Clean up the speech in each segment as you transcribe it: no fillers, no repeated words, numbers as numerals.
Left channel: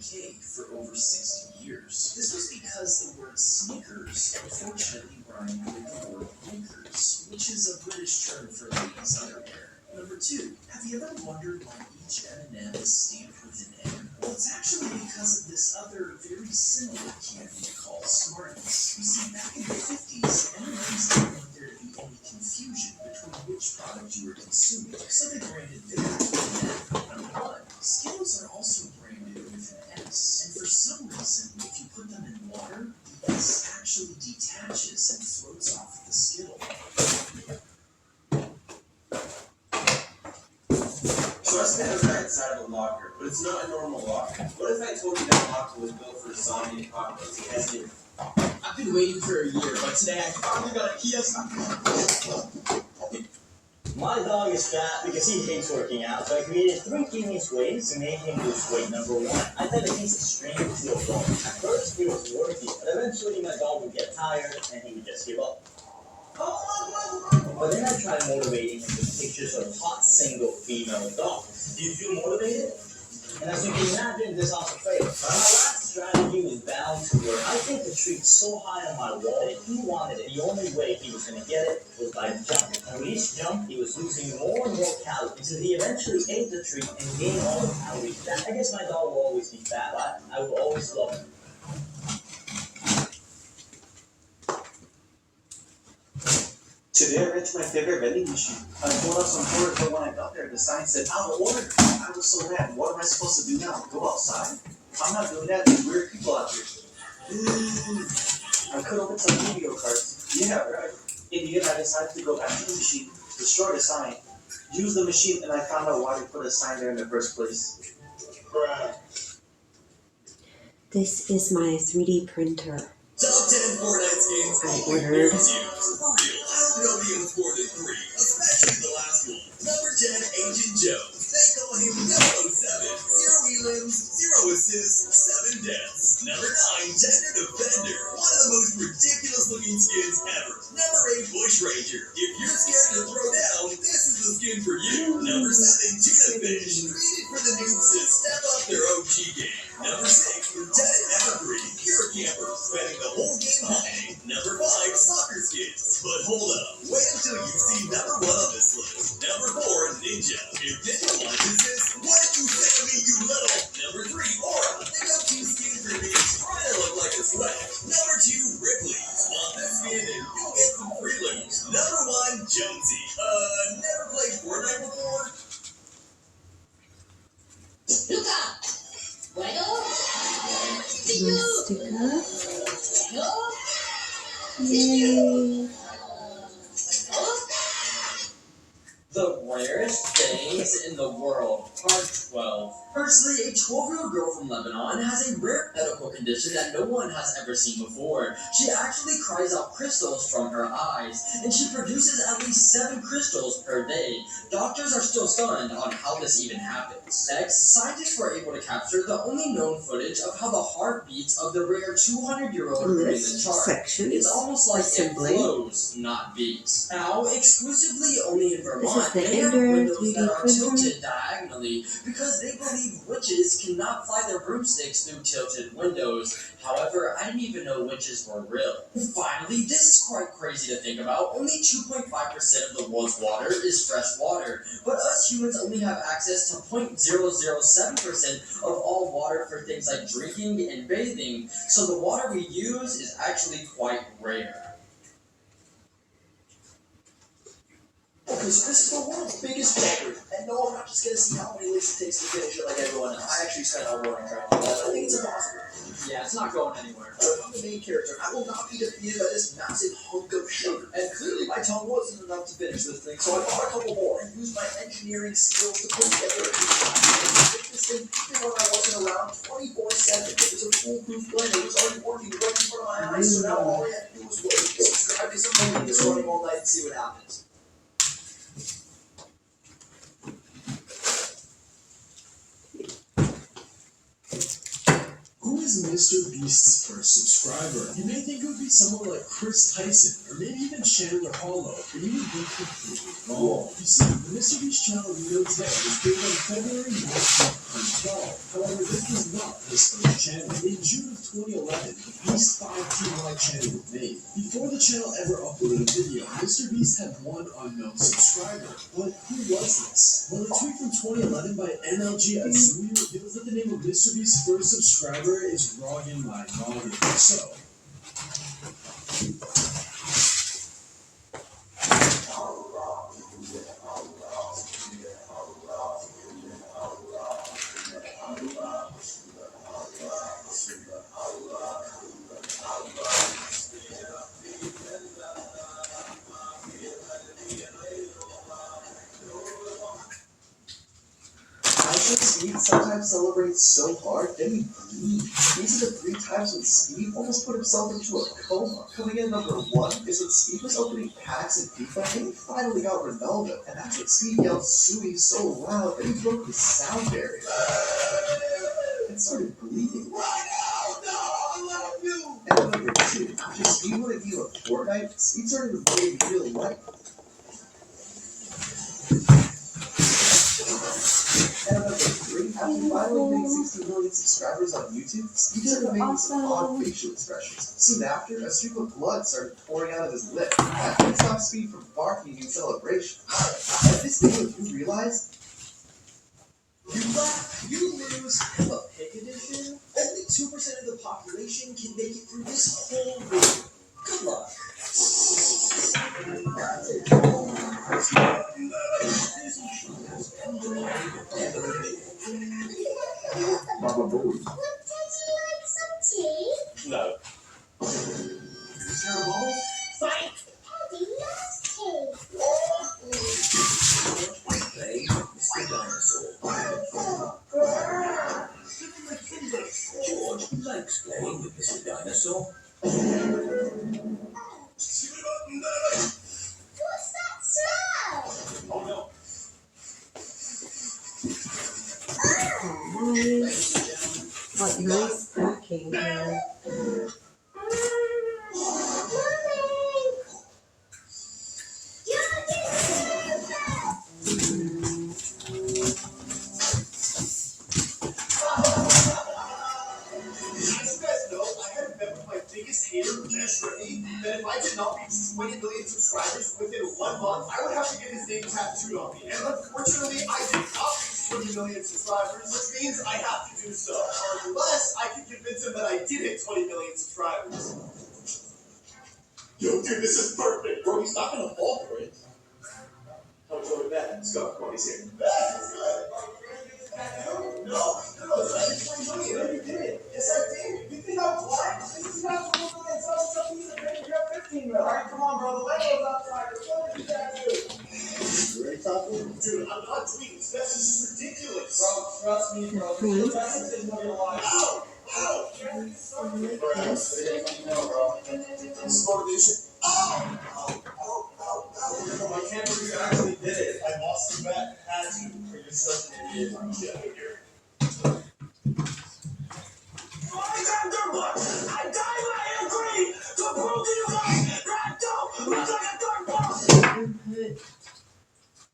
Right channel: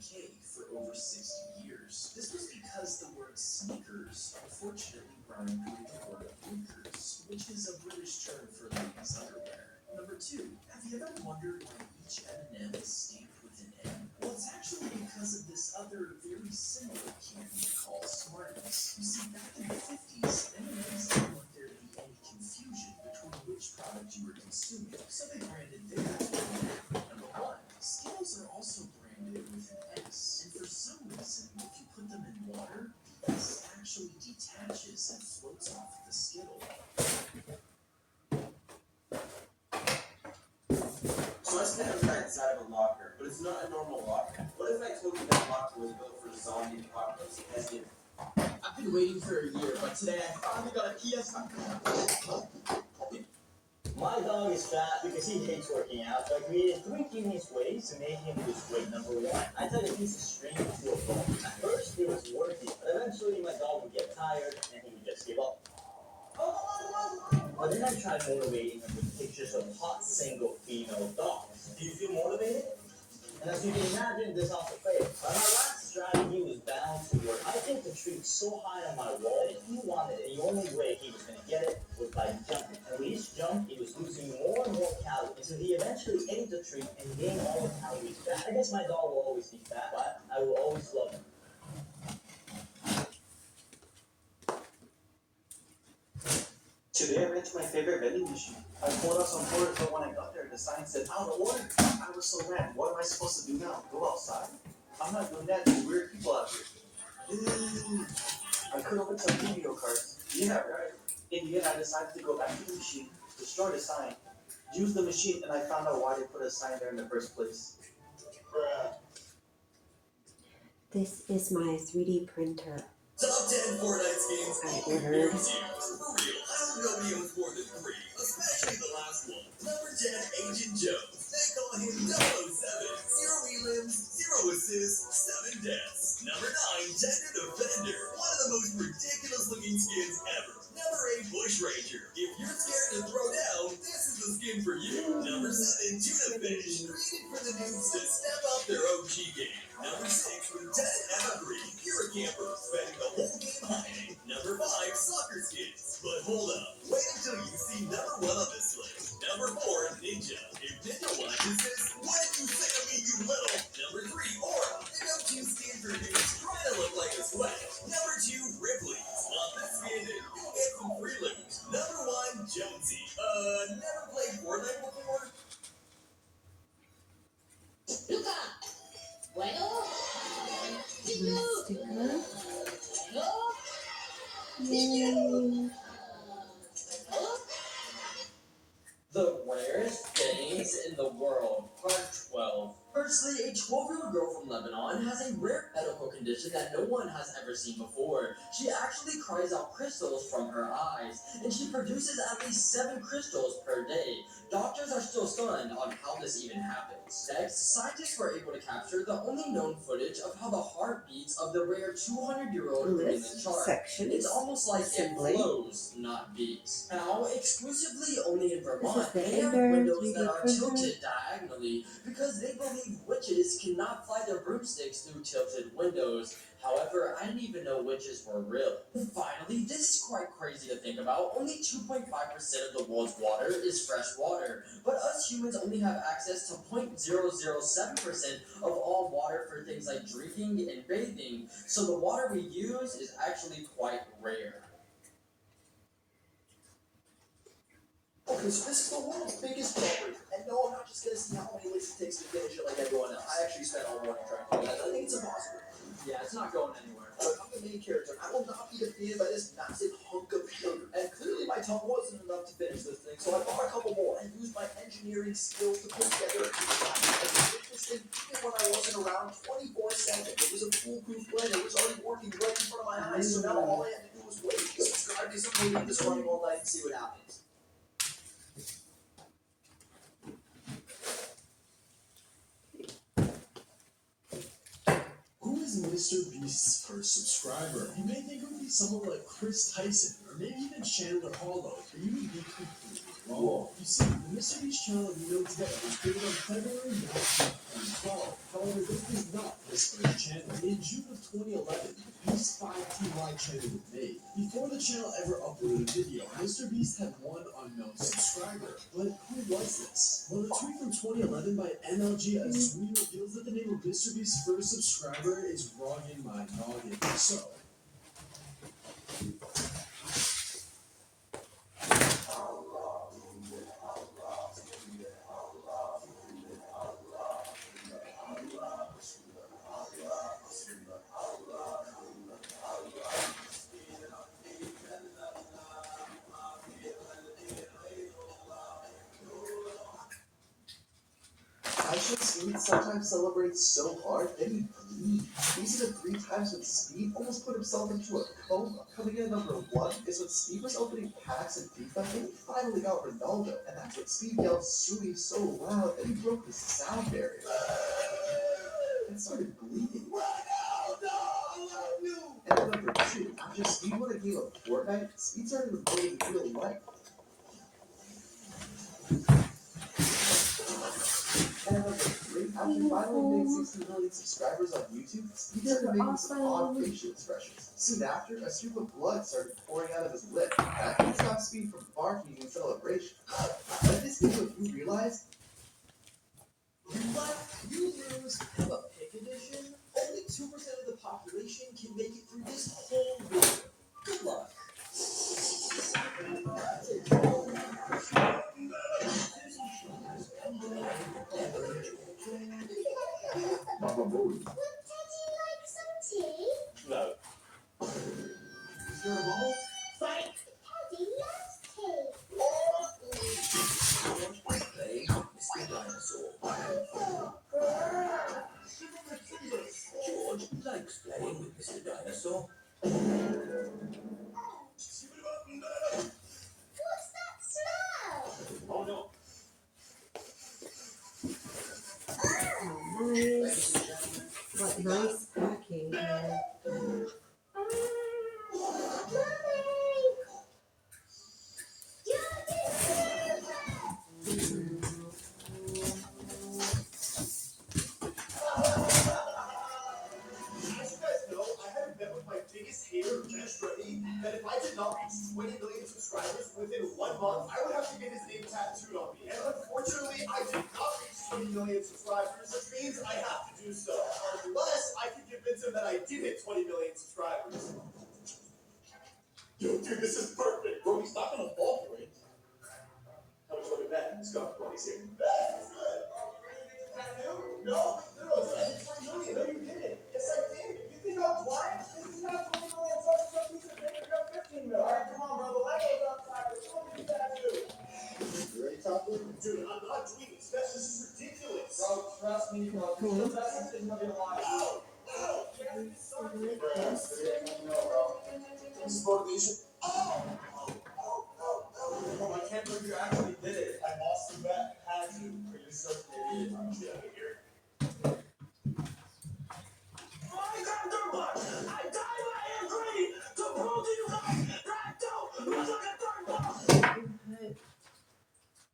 UK for over 60 years. This was because the word sneakers unfortunately rhymed with the word blinkers, which is a British term for ladies' underwear. Number 2, have you ever wondered why each M&M is stamped with an N? Well, it's actually because of this other very similar candy called Smarties. You see, back in the 50s, M&Ms didn't want there to be any confusion between which product you were consuming, so they branded theirs with an N. Number 1, Skittles are also branded with an S, and for some reason, if you put them in water, the S actually detaches and floats off the Skittle. So I stand outside inside of a locker, but it's not a normal locker. What if I told you that locker was built for zombie apocalypse? I've been waiting for a year, but today I finally got a PS. My dog is fat because he hates working out, so I created 3 genius ways to make him lose weight. Number 1, I thought it tastes strange to a dog. At first, it was working, but eventually my dog would get tired and he would just give up. But then I tried motivating him with pictures of hot single female dogs. Do you feel motivated? And as you can imagine, this also failed. My last strategy was bound to work. I think the treat so high on my wall that if he wanted it, the only way he was going to get it was by jumping. And when each jump, he was losing more and more calories until he eventually ate the treat and gained all the calories back. I guess my dog will always be fat, but I will always love him. Today I went to my favorite vending machine. I pulled up some food, but when I got there, the sign said, out of order. I was so mad. What am I supposed to do now? Go outside? I'm not doing that. There's weird people out here. I could open some video cards. Yeah, right. In the end, I decided to go back to the machine, destroy the sign, use the machine, and I found out why they put a sign there in the first place. Bruh. This is my 3D printer. Top 10 Fortnite skins I ordered. For real, I don't know me with more than 3, especially the last one. Number 10, Agent Jones. They call him 007. 0 elims, 0 assists, 7 deaths. Number 9, Tender Defender. One of the most ridiculous looking skins ever. Number 8, Bush Ranger. If you're scared to throw down, this is the skin for you. Number 7, Tuna Fish. Created for the noobs to step up their OG game. Number 6, Lieutenant Evergreen. Pure camper, spending the whole game hiding. Number 5, Soccer Skins. But hold up, wait until you see number 1 on this list. Number 4, Ninja. If Ninja watches this, what did you say to me, you little? Number 3, Aura. The go-to skin for me, trying to look like a sweat. Number 2, Ripley. Want this skin and you'll get some free loot. Number 1, Jonesy. Never played Fortnite before? Luca! Bueno? Sticker. No? Yay. The rarest things in the world, part 12. Firstly, a 12-year-old girl from Lebanon has a rare medical condition that no one has ever seen before. She actually cries out crystals from her eyes, and she produces at least 7 crystals per day. Doctors are still stunned on how this even happens. Next, scientists were able to capture the only known footage of how the heart beats of the rare 200-year-old in the This chart. section It's is almost like assembly. it flows, not beats. Now, exclusively only in Vermont, This is the they have Ender windows 3D that are printer. tilted diagonally because they believe witches cannot fly their broomsticks through tilted windows. However, I didn't even know witches were real. Finally, this is quite crazy to think about. Only 2.5% of the world's water is fresh water, but us humans only have access to 0.007% of all water for things like drinking and bathing, so the water we use is actually quite rare. Okay, so this is the world's biggest record, and no, I'm not just gonna see how many licks it takes to finish it like everyone else. I actually spent all morning trying to do that. I think it's impossible. Yeah, it's not going anywhere. But I'm the main character. I will not be defeated by this massive hunk of sugar. And clearly my tongue wasn't enough to finish this thing, so I bought a couple more and used my engineering skills to put together a this thing even when I wasn't around 24/7. It was a foolproof plan. It was already working right in front of my eyes, so now all I had to do was wait. Subscribe to something that's running all night and see what happens. Who is Mr. Beast's first subscriber? You may think it would be someone like Chris Tyson, or maybe even Chandler Hollow, but you would be completely Oh, you see, the Mr. Beast channel we know today was created on February 1912. However, this was not his first channel. In June of 2011, the Beast 5 Team Live channel was made. Before the channel ever uploaded a video, Mr. Beast had one unknown subscriber. But who was this? Well, a tweet from 2011 by MLG Azui reveals that the name of Mr. Beast's first subscriber is Rogan My Noggin. So, I think Speed sometimes celebrates so hard that he bleeds. These are the 3 times when Speed almost put himself into a coma. Coming in number 1 is when Speed was opening packs in FIFA and he finally got Ronaldo. And that's when Speed yelled Sui so loud that he broke the sound barrier and started bleeding. And number 2, after Speed won a game of Fortnite, Speed started reporting real life. And number 3, after finally hitting 60 million subscribers on YouTube, Speed started making some odd facial expressions. Soon after, a streak of blood started pouring out of his lip. That didn't stop Speed from barking in celebration. At this game, you realize you laugh, you lose, have a pick edition? Only 2% of the population can make it through this whole video. Good luck. Would Daddy like some tea? no. Is there a ball? Fight! Daddy loves tea. Play Mr. Dinosaur. George likes playing with Mr. Dinosaur. What's that smell? Oh no. Oh, nice. What nice packing here. That if I did not reach 20 million subscribers within 1 month, I would have to get his name tattooed on me. And unfortunately, I did not reach 20 million subscribers, which means I have to do so. Unless I can convince him that I did hit 20 million subscribers. Yo, dude, this is perfect. Bro, he's not gonna fall for it. How much over that? Let's go. Cody's here. That's good. No, it's 20 million. No, you did. Yes, I did. You think I'm blind? This is not 20 million subs. Something you you have 15 million. All right, come on, bro. The Lego's outside. What did you tattoo? You ready, Taco? Dude, I'm not tweeting. This is ridiculous. Bro, trust me, bro. The best thing of your life. Ow! Ow! This is motivation. Ow! Bro, I can't believe you actually did it. I lost the bet. Had to. You're such an idiot. I'm just out here.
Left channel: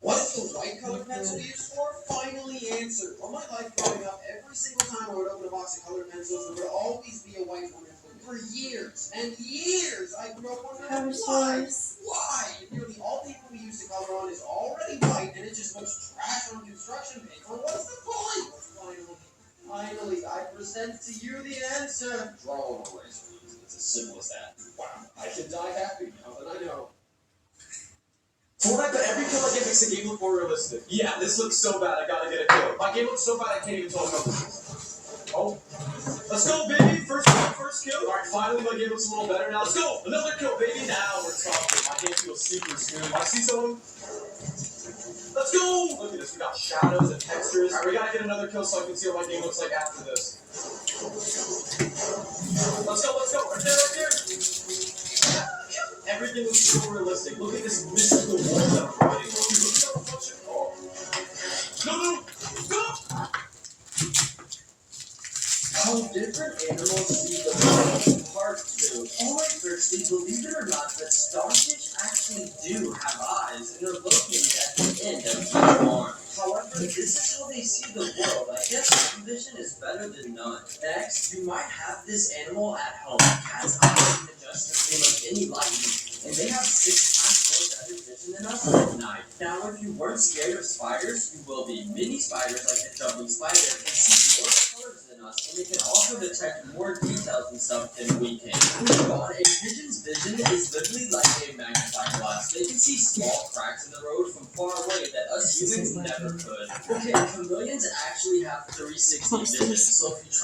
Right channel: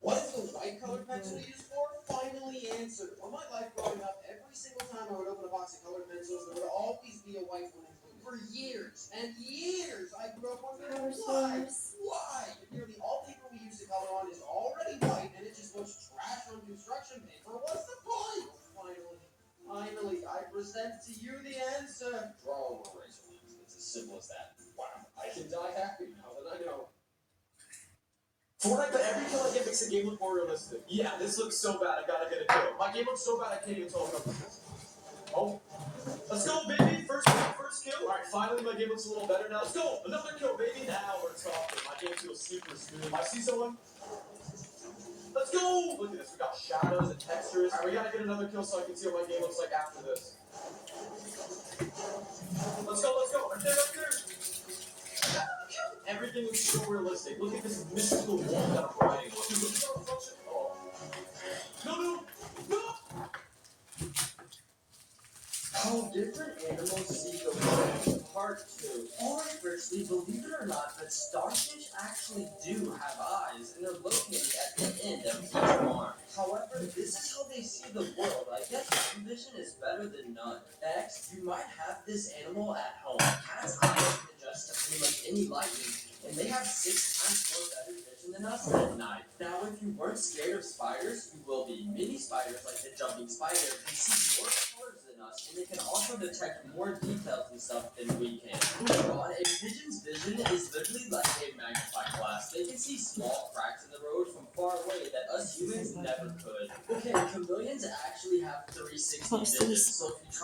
What is the white colored pencil used for? Finally answered. All my life growing up, every single time I would open a box of colored pencils, there would always be a white one included. For years and years, I grew up wondering why? Why? Nearly all paper we use to color on is already white, and it just looks trash on construction paper. What's the point? Finally, I present to you the answer. Draw on a razor. It's as simple as that. Wow, I should die happy now that I know. Fortnite, but every kill I get makes the game look more realistic. Yeah, this looks so bad, I gotta get a kill. My game looks so bad, I can't even talk about it. Oh. Let's go, baby! First kill. Alright, finally my game looks a little better now. Let's go! Another kill, baby! Now we're talking. My game feels super smooth. I see someone. Let's go! Look at this, we got shadows and textures. Alright, we gotta get another kill so I can see what my game looks like after this. Let's go! Right there! Everything looks so realistic. Look at this mystical world that I'm riding on. No! Go! How different animals see the world. Part 2. Alright, firstly, believe it or not, but starfish actually do have eyes and are located at the end of each arm. However, this is how they see the world. I guess some vision is better than none. Next, you might have this animal at home. Cats' eyes can adjust to pretty much any lighting, and they have 6 times more better vision than us at night. Now, if you weren't scared of spiders, you will be. Many spiders, like the jumping spider, can see more colors than us, and they can also detect more details and stuff than we can. God, a pigeon's vision is literally like a magnifying glass. They can see small cracks in the road from far away that us humans never could. Okay, chameleons actually have 360 vision, so if you try